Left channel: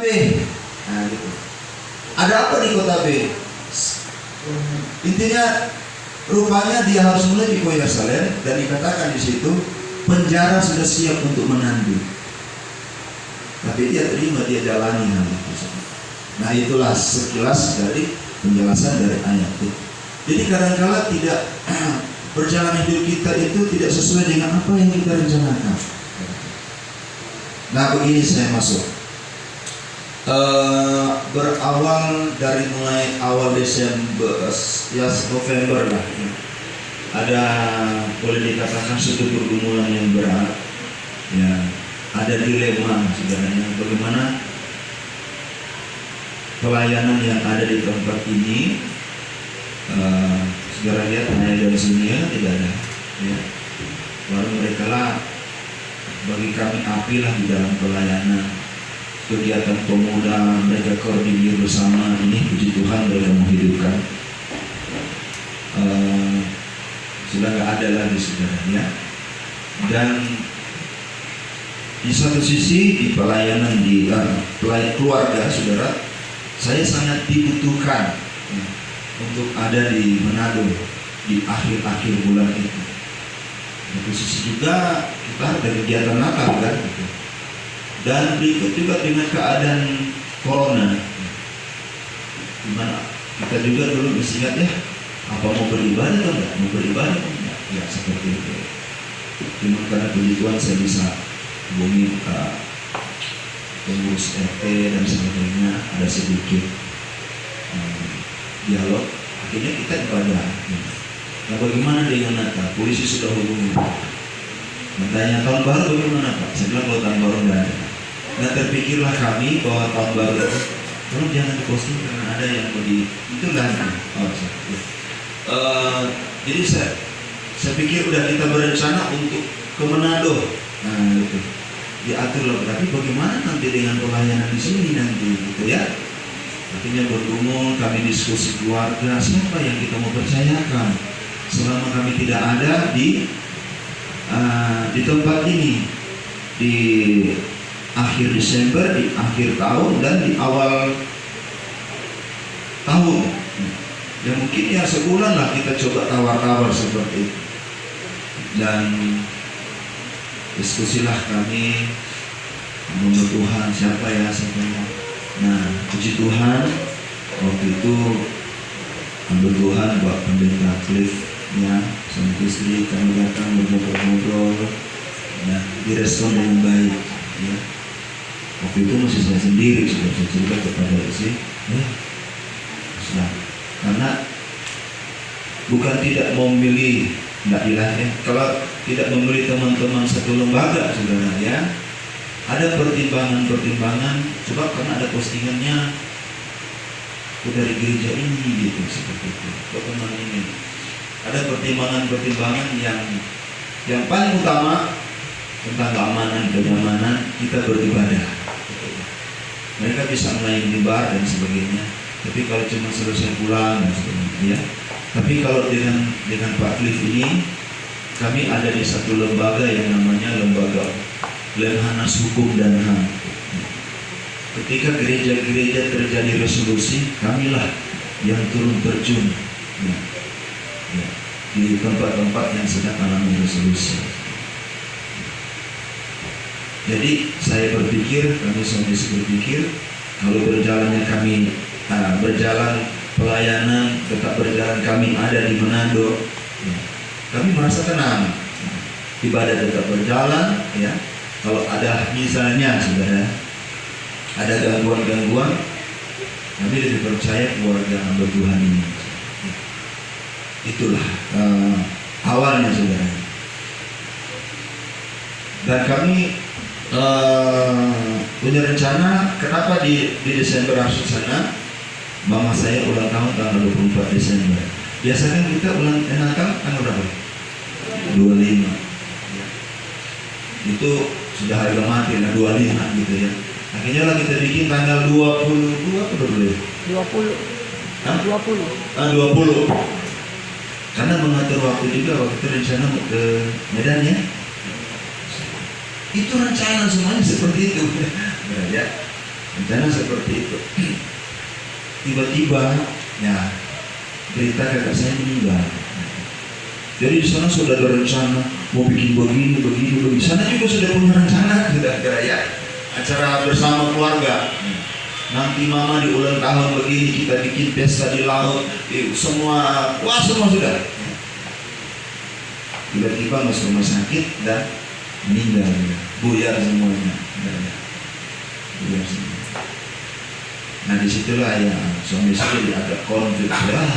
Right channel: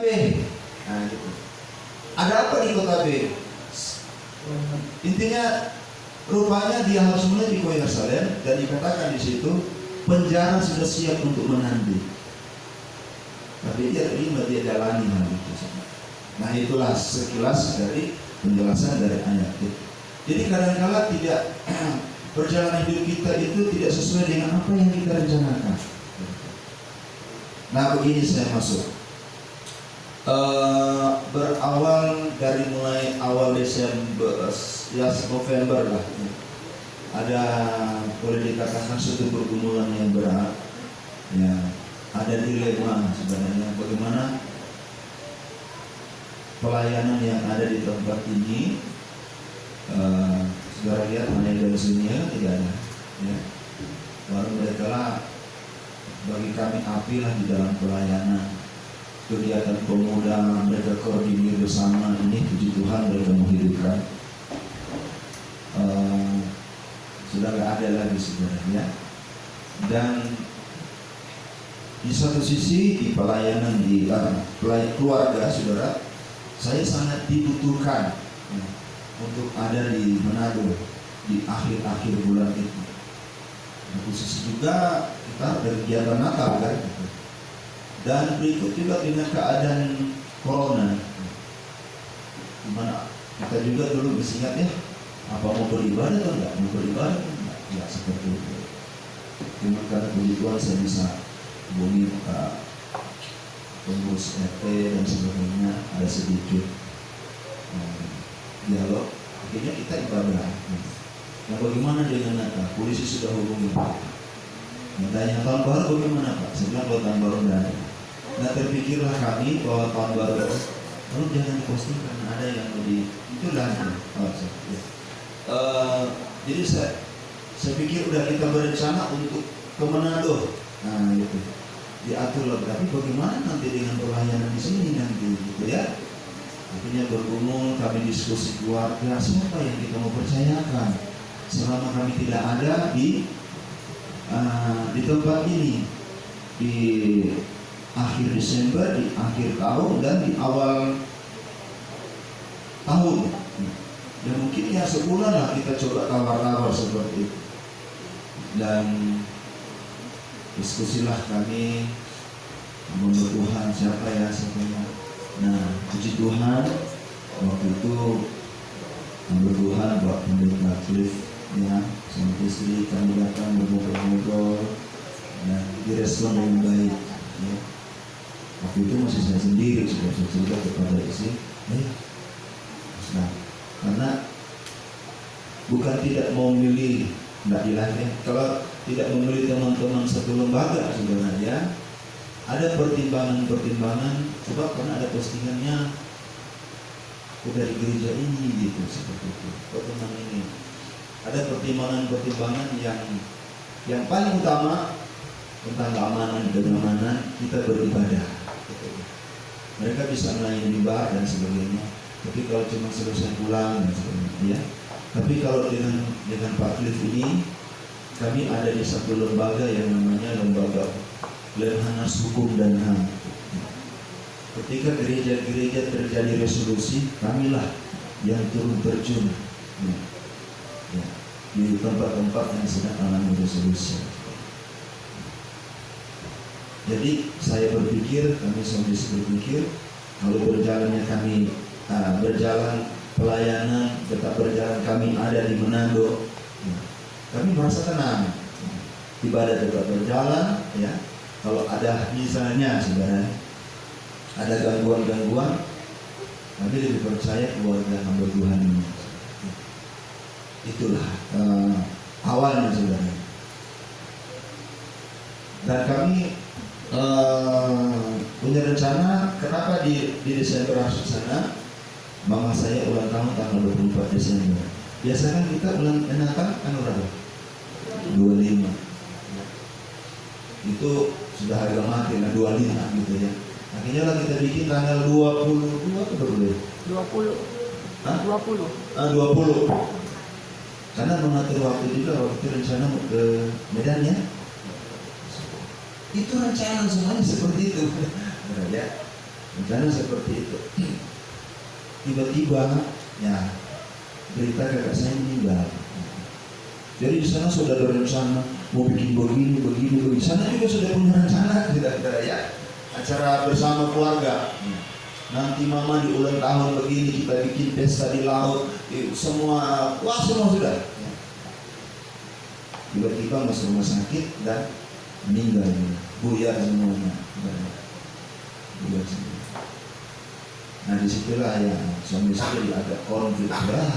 Nah, gitu. Ada apa di kota B? Intinya rupanya dia harus menuju ke Yerusalem dan dikatakan di situ penjara sudah siap untuk menanti. Tapi dia terima, dia jalani hal itu. Nah, itulah sekilas dari penjelasan dari ayat itu. Jadi kadang-kala tidak perjalanan hidup kita itu tidak sesuai dengan apa yang kita rencanakan. Nah, begini saya masuk. Berawal dari mulai awal Desember, ya November lah, ya. Ada boleh dikatakan suatu pergumulan yang berat, ya. Ada dilema sebenarnya bagaimana pelayanan yang ada di tempat ini. Saudara lihat hanya dari sini ya, tidak ada, ya. Baru mereka lah bagi kami api lah di dalam pelayanan. Kegiatan pemuda mereka koordinir bersama, ini puji Tuhan mereka menghidupkan. Sudah gak ada lagi sebenarnya. Dan di satu sisi di pelayanan di keluarga saudara, saya sangat dibutuhkan untuk ada di Manado di akhir-akhir bulan itu. Satu sisi juga kita ada kegiatan Natal kan, gitu. Dan berikut juga dengan keadaan corona, dimana kita juga dulu mesti ingat ya, apa mau beribadah atau enggak, mau beribadah atau enggak, ya seperti itu. Cuma karena puji Tuhan saya bisa hubungi ke pengurus RT dan sebagainya, ada sedikit dialog, akhirnya kita ibadah. Nah, bagaimana dengan Natal? Polisi sudah hubungi. Bertanya tahun baru bagaimana Pak? Saya bilang kalau tahun baru enggak ada. Nah, terpikirlah kami bahwa tahun baru kalau jangan diposting karena ada yang mau di itulah. Jadi saya pikir udah kita berencana untuk ke Manado. Nah, gitu. Diatur loh. Tapi bagaimana nanti dengan pelayanan di sini nanti, gitu ya? Akhirnya bergumul, kami diskusi keluarga, siapa yang kita mau percayakan selama kami tidak ada di tempat ini, di akhir Desember, di akhir tahun, dan di awal tahun. Ya mungkin ya sebulan lah kita coba tawar-tawar seperti itu. Dan diskusilah kami, menurut Tuhan siapa ya. Nah, puji Tuhan waktu itu menurut Tuhan Pak Pendeta Cliff ya, sama istri kami datang berngobrol-ngobrol, ya, direspon dengan baik, ya. Waktu itu masih saya sendiri, sudah saya cerita kepada istri, karena bukan tidak mau memilih, enggak dilah ya. Kalau tidak memilih teman-teman satu lembaga, saudara ya, ada pertimbangan-pertimbangan, sebab karena ada postingannya dari gereja ini, gitu seperti itu. Teman ini ada pertimbangan-pertimbangan yang paling utama tentang keamanan, kenyamanan kita beribadah. Mereka bisa melayani mimbar dan sebagainya, tapi kalau cuma selesai pulang dan sebagainya, ya. Tapi kalau dengan Pak Cliff ini, kami ada di satu lembaga yang namanya lembaga Lemhanas Hukum dan HAM. Ketika gereja-gereja terjadi resolusi, kamilah yang turun terjun, ya, di tempat-tempat yang sedang alami resolusi. Jadi saya berpikir, kami semua berpikir, kalau berjalannya kami berjalan pelayanan, tetap berjalan kami ada di Manado, ya, kami merasa tenang. Ibadah tetap berjalan, ya. Kalau ada misalnya sudah ada gangguan-gangguan, kami lebih percaya keluarga hamba Tuhan ini. Itulah awalnya saudara. Dan kami punya rencana, kenapa di Desember harus sana. Mama saya ulang tahun tanggal 24 Desember. Biasanya kita ulang Natal tanggal berapa? 25. Ya. Itu sudah harga mati, 25 gitu ya. Akhirnya lah kita bikin tanggal 22 atau 20? 20. Karena mengatur waktu juga, waktu itu rencana ke Medan ya. Itu rencana semuanya seperti itu. Ya. rencana seperti itu. Tiba-tiba ya berita kakak saya meninggal. Jadi di sana sudah ada rencana mau bikin begini. Sana juga sudah punya rencana, kira-kira ya, acara bersama keluarga. Nanti mama di ulang tahun begini, kita bikin pesta di laut, semua sudah. Tiba-tiba masuk rumah sakit dan meninggal, buyar semuanya. Buyar semua. Nah disitulah ya suami istri agak konflik sudah.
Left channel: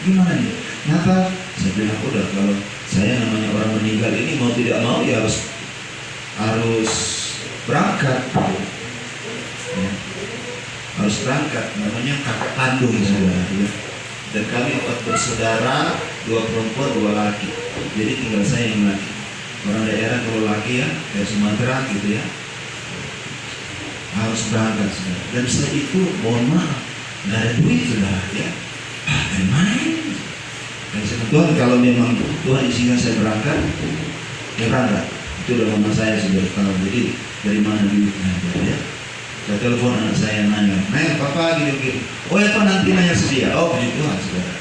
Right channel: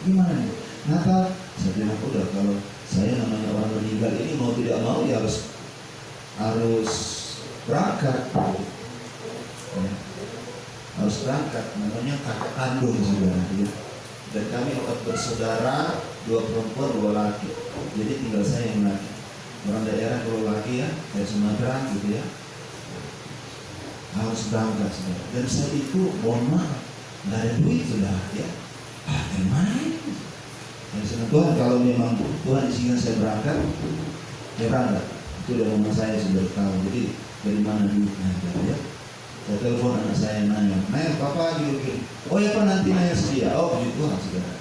Gimana nih? Kenapa? Saya bilang udah, kalau saya namanya orang meninggal ini mau tidak mau ya harus berangkat. Ya. Harus berangkat, namanya kakak kandung saudara. Ya. Dan kami 4 bersaudara, 2 perempuan, 2 laki. Jadi tinggal saya yang laki. Orang daerah kalau laki ya, kayak Sumatera gitu ya, harus berangkat saudara. Dan saya itu mohon maaf, nggak ada duit saudara ya. Dari mana ini? Tuhan, kalau memang Tuhan izinkan saya berangkat, ya berangkat. Itu udah mama saya sudah tahu. Jadi dari mana duitnya ya? Saya telepon anak saya nanya, papa gini. Oh ya pak, nanti nanya sedia. Oh puji Tuhan saudara.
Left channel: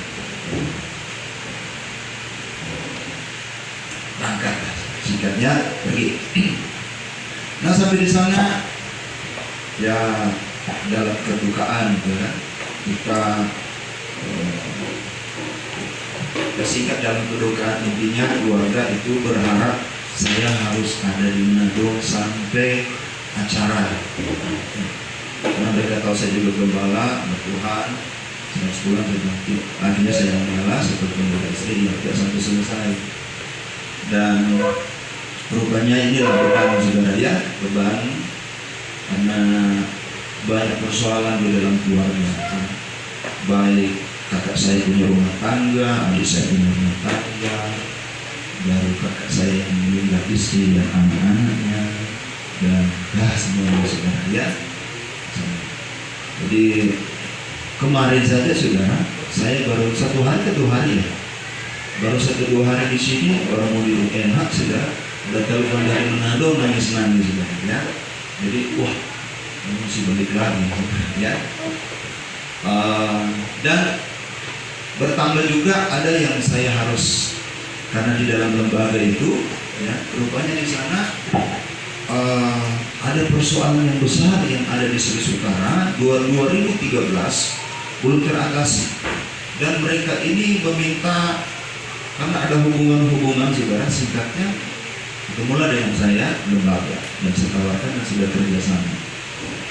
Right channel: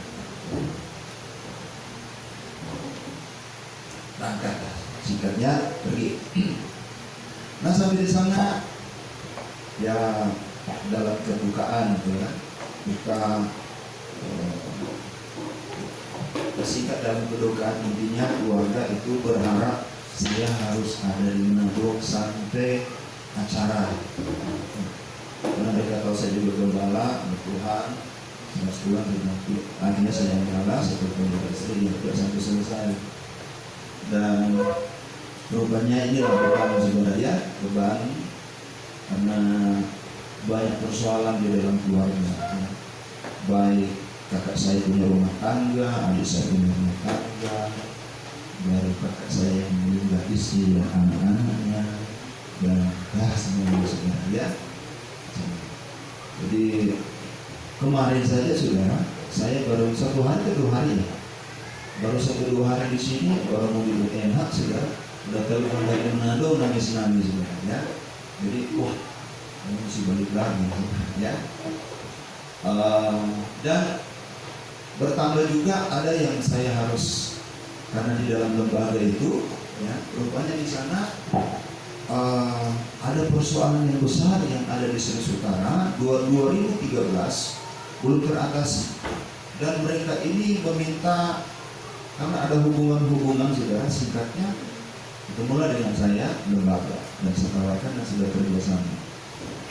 Berangkat, singkatnya pergi. Nah sampai di sana ya dalam kedukaan ya, kita bersingkat dalam kedukaan, intinya keluarga itu berharap saya harus ada di Manado sampai acara. Karena mereka tahu saya juga gembala, Tuhan, saya sebulan berbakti. Akhirnya saya mengalah seperti istri, ya tidak sampai selesai. Dan rupanya inilah beban saudara ya, beban karena banyak persoalan di dalam keluarga. Baik kakak saya punya rumah tangga, adik saya punya rumah tangga, baru kakak saya yang meninggal, istri dan anak-anaknya, dan semua saudara ya. Jadi kemarin saja saudara, saya baru 1 hari ke 2 hari ya, baru 1-2 hari di sini, baru mau di UNH saudara, udah telepon dari Manado nangis saudara ya. Jadi wah, mesti balik lagi ya. Dan bertambah juga ada yang saya harus, karena di dalam lembaga itu ya, rupanya di sana ada persoalan yang besar yang ada di Sri Sukara 2013 belum teratasi. Dan mereka ini meminta, karena ada hubungan saudara, singkatnya ketemulah dengan saya lembaga dan saya tawarkan dan sudah kerjasama.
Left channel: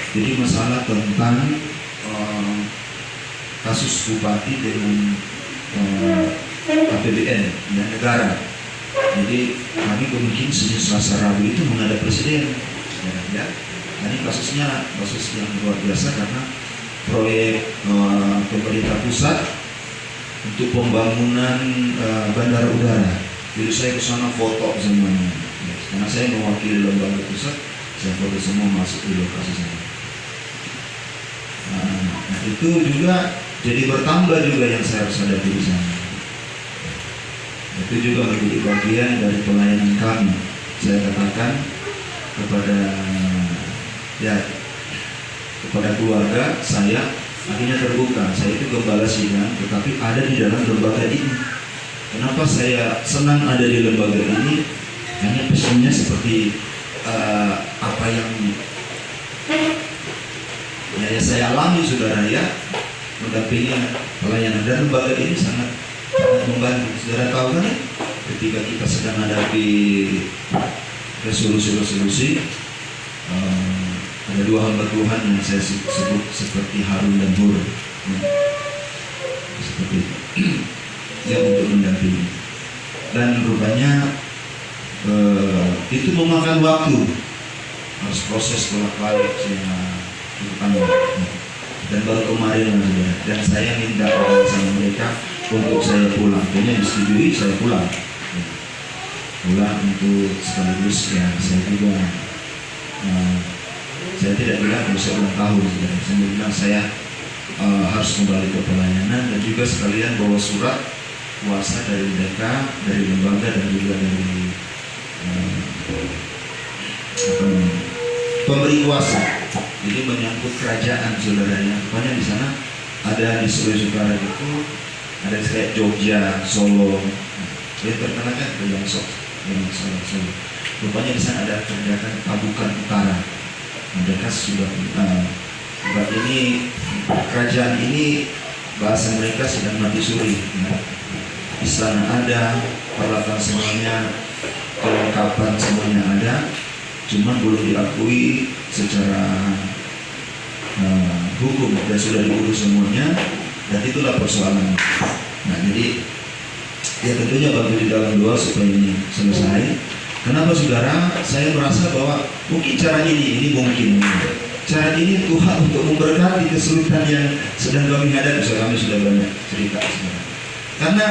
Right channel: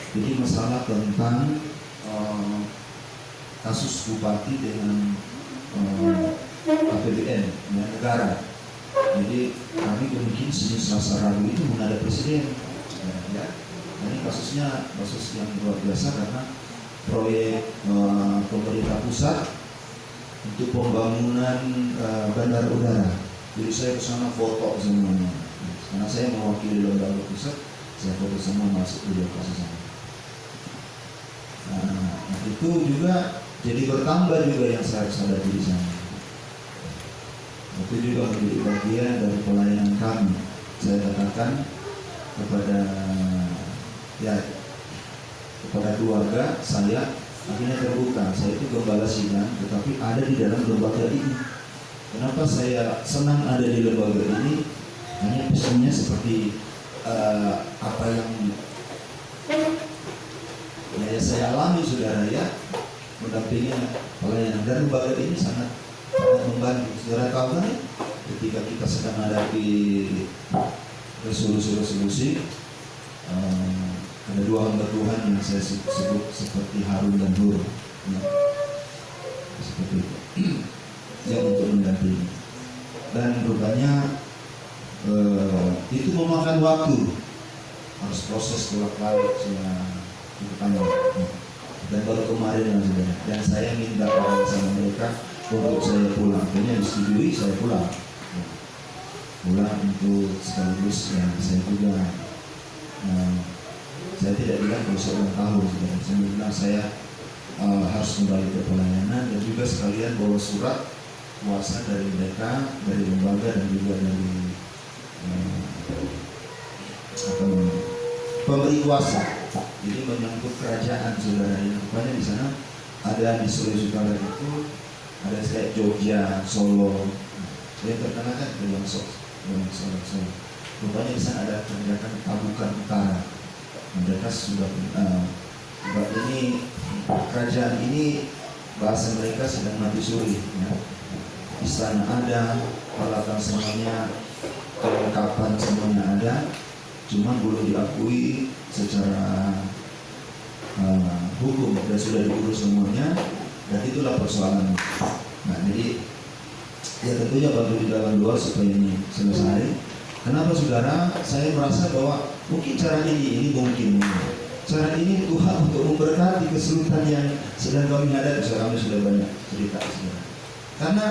Jadi masalah tentang kasus bupati dengan APBN dan negara. Jadi kami mungkin Senin, Selasa, Rabu itu menghadap presiden. Ya. Ini kasusnya kasus yang luar biasa karena proyek pemerintah pusat untuk pembangunan bandara udara. Jadi saya ke sana foto semuanya. Ya, karena saya mewakili lembaga pusat, saya foto semua masuk di lokasi sana. Nah itu juga jadi bertambah juga yang saya harus hadapi di sana. Itu juga menjadi bagian dari pelayanan kami. Saya katakan kepada keluarga saya, akhirnya terbuka. Saya itu gembala sidang, tetapi ada di dalam lembaga ini. Kenapa saya senang ada di lembaga ini? Hanya pesannya seperti apa yang saya alami saudara ya, mendampingi pelayanan, dan lembaga ini sangat membantu. Saudara tahu kan ya, ketika kita sedang menghadapi resolusi, ada 2 hamba Tuhan yang saya sebut seperti Harun dan Hur ya. Seperti itu yang untuk mendampingi, dan rupanya itu memakan waktu, harus proses bolak-balik saya dan baru kemarin dan saya minta orang sama mereka untuk saya pulang. Akhirnya disetujui, saya pulang untuk sekaligus ya saya juga saya tidak bilang usia ulang tahun, saya bilang saya harus kembali ke pelayanan, dan juga sekalian bawa surat kuasa dari mereka, dari lembaga, dan juga dari pemberi kuasa Jadi menyangkut kerajaan saudaranya. Rupanya di sana ada di Sulawesi Utara itu ada kayak Jogja, Solo. Dia terkenal kan yang Solo. Rupanya di sana ada kerajaan Pabukan Utara. Mereka sudah ini kerajaan ini bahasa mereka sedang mati suri. Di sana ada peralatan semuanya, kelengkapan semuanya ada, cuma belum diakui secara hukum dan sudah diurus semuanya, dan itulah persoalannya. Nah, jadi ya tentunya bantu di dalam doa supaya ini selesai. Kenapa saudara? Saya merasa bahwa mungkin cara ini mungkin cara ini Tuhan untuk memberkati kesulitan yang sedang kami hadapi. Kami sudah banyak cerita sebenarnya. Karena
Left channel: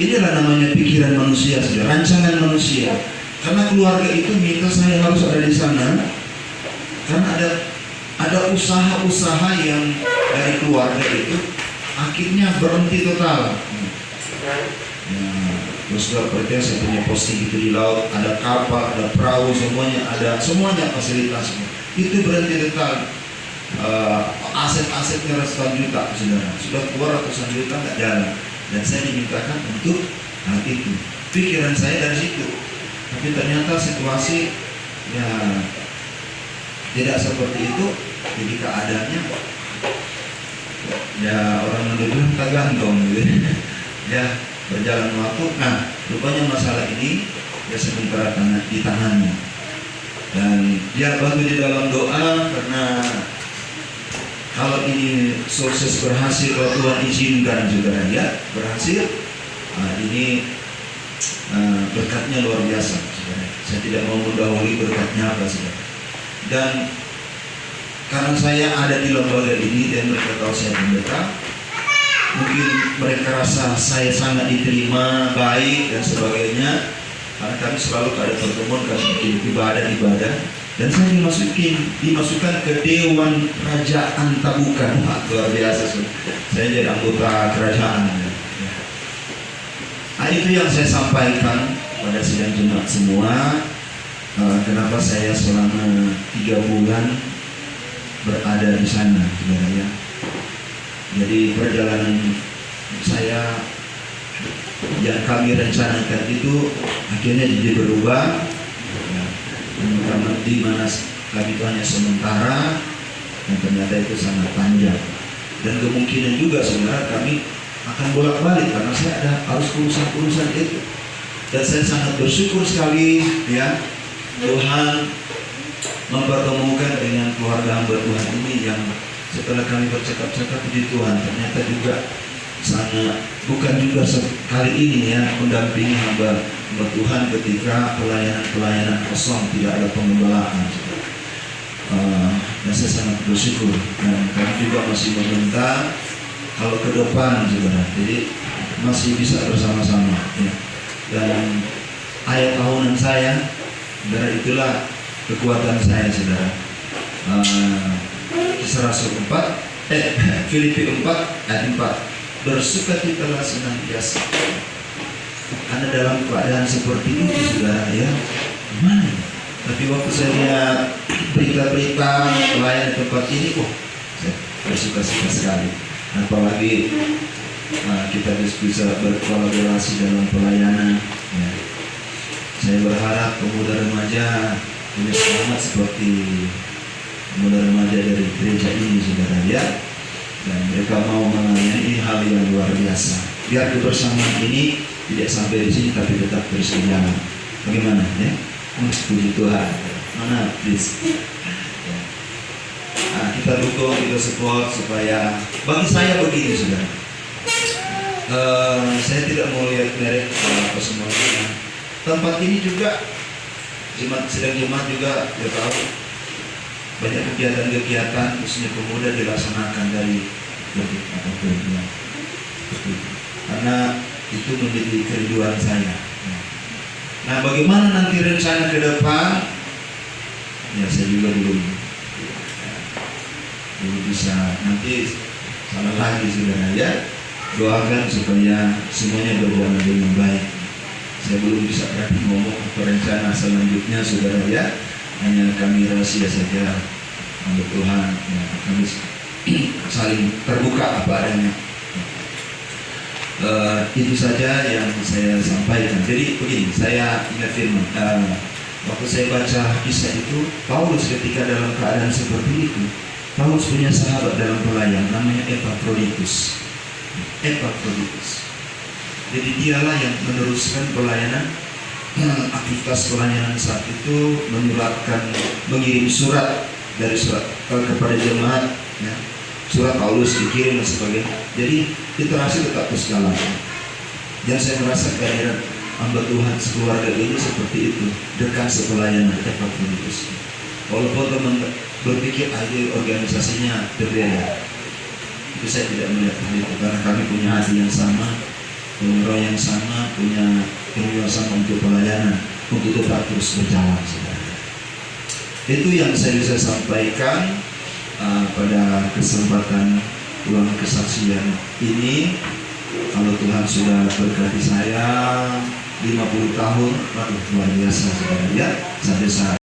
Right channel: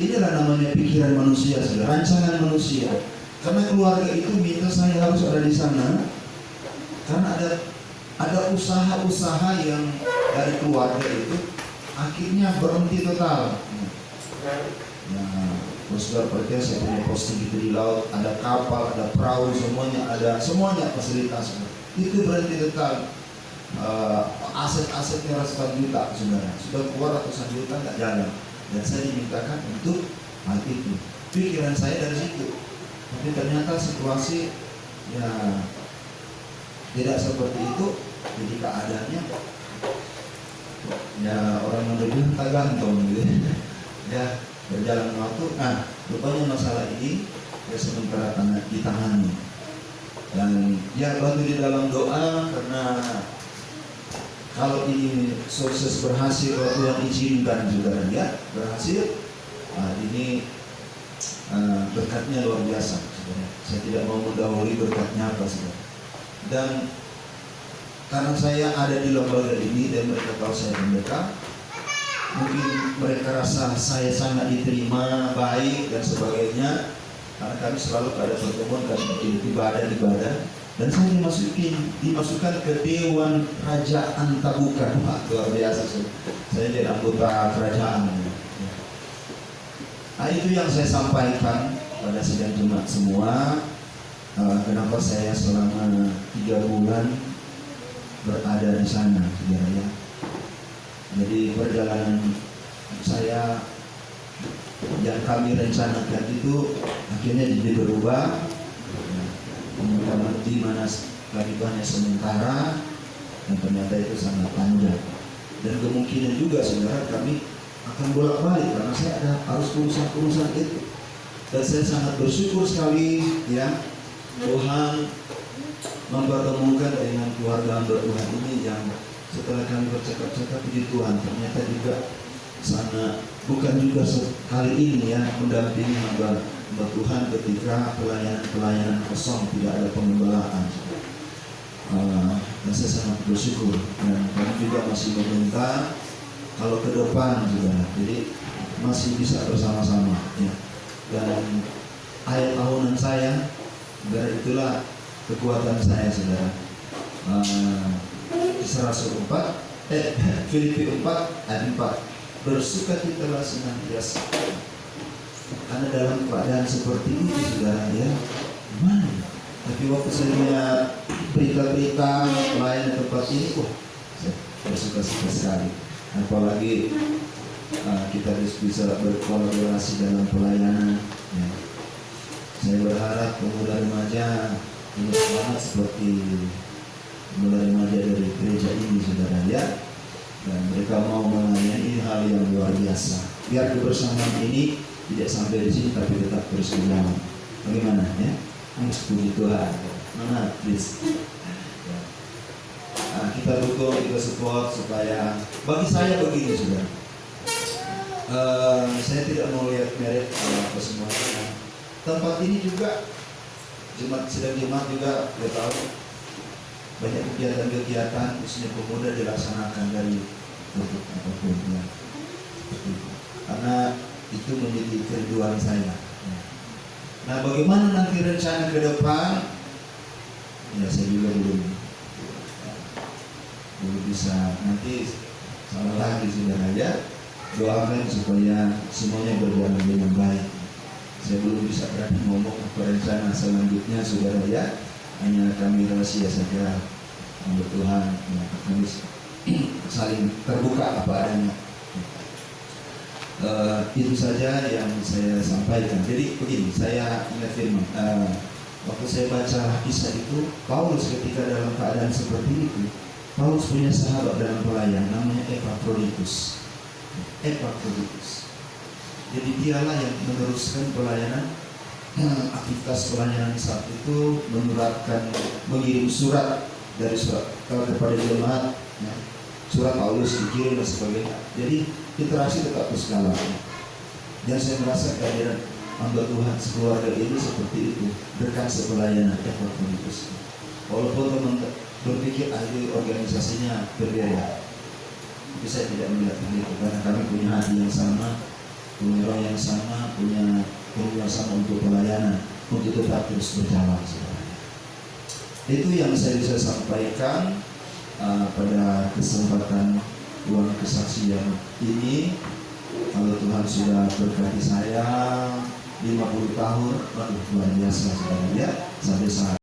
inilah namanya pikiran manusia, saudara, rancangan manusia. Karena keluarga itu minta saya harus ada di sana, karena ada usaha-usaha yang dari keluarga itu akhirnya berhenti total. Saudara perhatikan, saya punya posting itu di laut, ada kapal, ada perahu, semuanya fasilitasnya. Itu berhenti total. Aset-asetnya ratusan juta, saudara, sudah keluar ratusan juta nggak jalan. Dan saya dimintakan untuk hal itu. Pikiran saya dari situ. Tapi ternyata situasi ya tidak seperti itu. Jadi keadaannya ya orang bilang tergantung gitu. Ya berjalan waktu. Nah, rupanya masalah ini ya sementara ditangani. Dan dia bantu di dalam doa, karena kalau ini sukses berhasil, kalau Tuhan izinkan saudara ya berhasil, ini berkatnya luar biasa, saudara. Saya tidak mau mendahului berkatnya apa, saudara. Dan karena saya ada di lembaga ini dan mereka tahu saya pendeta, mungkin mereka rasa saya sangat diterima, baik dan sebagainya. Karena kami selalu ada pertemuan, kami bikin ibadah, dan saya dimasukkan ke Dewan Kerajaan Pabukan. Luar biasa, saya jadi anggota kerajaan. Nah, itu yang saya sampaikan pada sidang Jumat semua. Kenapa saya selama 3 bulan berada di sana, sebenarnya. Jadi perjalanan saya yang kami rencanakan itu akhirnya jadi berubah. Di mana kami itu hanya sementara, dan ternyata itu sangat panjang. Dan kemungkinan juga saudara kami akan bolak-balik karena saya harus urusan itu. Dan saya sangat bersyukur sekali ya, Tuhan mempertemukan dengan keluarga hamba Tuhan ini yang setelah kami bercakap-cakap di Tuhan, ternyata juga sangat bukan juga sekali ini ya mendampingi hamba Tuhan ketika pelayanan kosong, tidak ada pengembalaan. Dan saya sangat bersyukur, dan kami juga masih meminta kalau ke depan saudara, jadi masih bisa bersama-sama ya. Dan ayat tahunan saya, saudara, itulah kekuatan saya, saudara. Kisah Rasul 4, Filipi 4 ayat 4, bersukacitalah senantiasa. Karena dalam keadaan seperti itu, saudara ya, gimana? Tapi waktu saya lihat berita-berita pelayan di tempat ini, saya bersuka-suka sekali. Apalagi kita bisa berkolaborasi dalam pelayanan ya. Saya berharap pemuda remaja punya semangat seperti pemuda remaja dari gereja ini, saudara ya. Dan mereka mau menangani hal yang luar biasa. Biar kebersamaan ini tidak sampai di sini, tapi tetap terus berjalan. Bagaimana ya? Puji Tuhan. Mana please? Nah, kita dukung, kita support supaya bagi saya begini, saudara. Saya tidak mau lihat merek apa semuanya. Tempat ini juga sidang jemaat juga kita tahu banyak kegiatan-kegiatan khususnya pemuda dilaksanakan dari lebih apapun ya. Karena itu menjadi kerinduan saya. Nah, bagaimana nanti rencana ke depan? Ya, saya juga belum bisa. Nanti sama lagi saudara ya. Doakan supaya semuanya berjalan dengan baik. Saya belum bisa berani ngomong apa rencana selanjutnya, saudara ya. hanya kami rahasia saja untuk Tuhan, ya, kami saling terbuka apa adanya. Itu saja yang saya sampaikan. Jadi begini, saya ingat firman. Waktu saya baca kisah itu, Paulus ketika dalam keadaan seperti itu, Paulus punya sahabat dalam pelayan namanya Epaphroditus. Jadi dialah yang meneruskan pelayanan, aktivitas pelayanan saat itu, mengirim surat dari surat kepada jemaat, ya. Surat Paulus dikirim dan sebagainya. Jadi interaksi tetap berskala. Dan saya merasa kehadiran hamba Tuhan sekeluarga ini seperti itu, dekat sepelayanan Epaphroditus. Walaupun teman berpikir ide organisasinya berbeda, itu saya tidak melihat hal itu, karena kami punya hati yang sama, punya roh yang sama, punya keinginan sama untuk pelayanan, untuk tetap terus berjalan. Itu yang saya bisa sampaikan pada kesempatan ulang kesaksian ini. Kalau Tuhan sudah berkati saya 50 tahun, luar biasa saudara, ya, sampai saat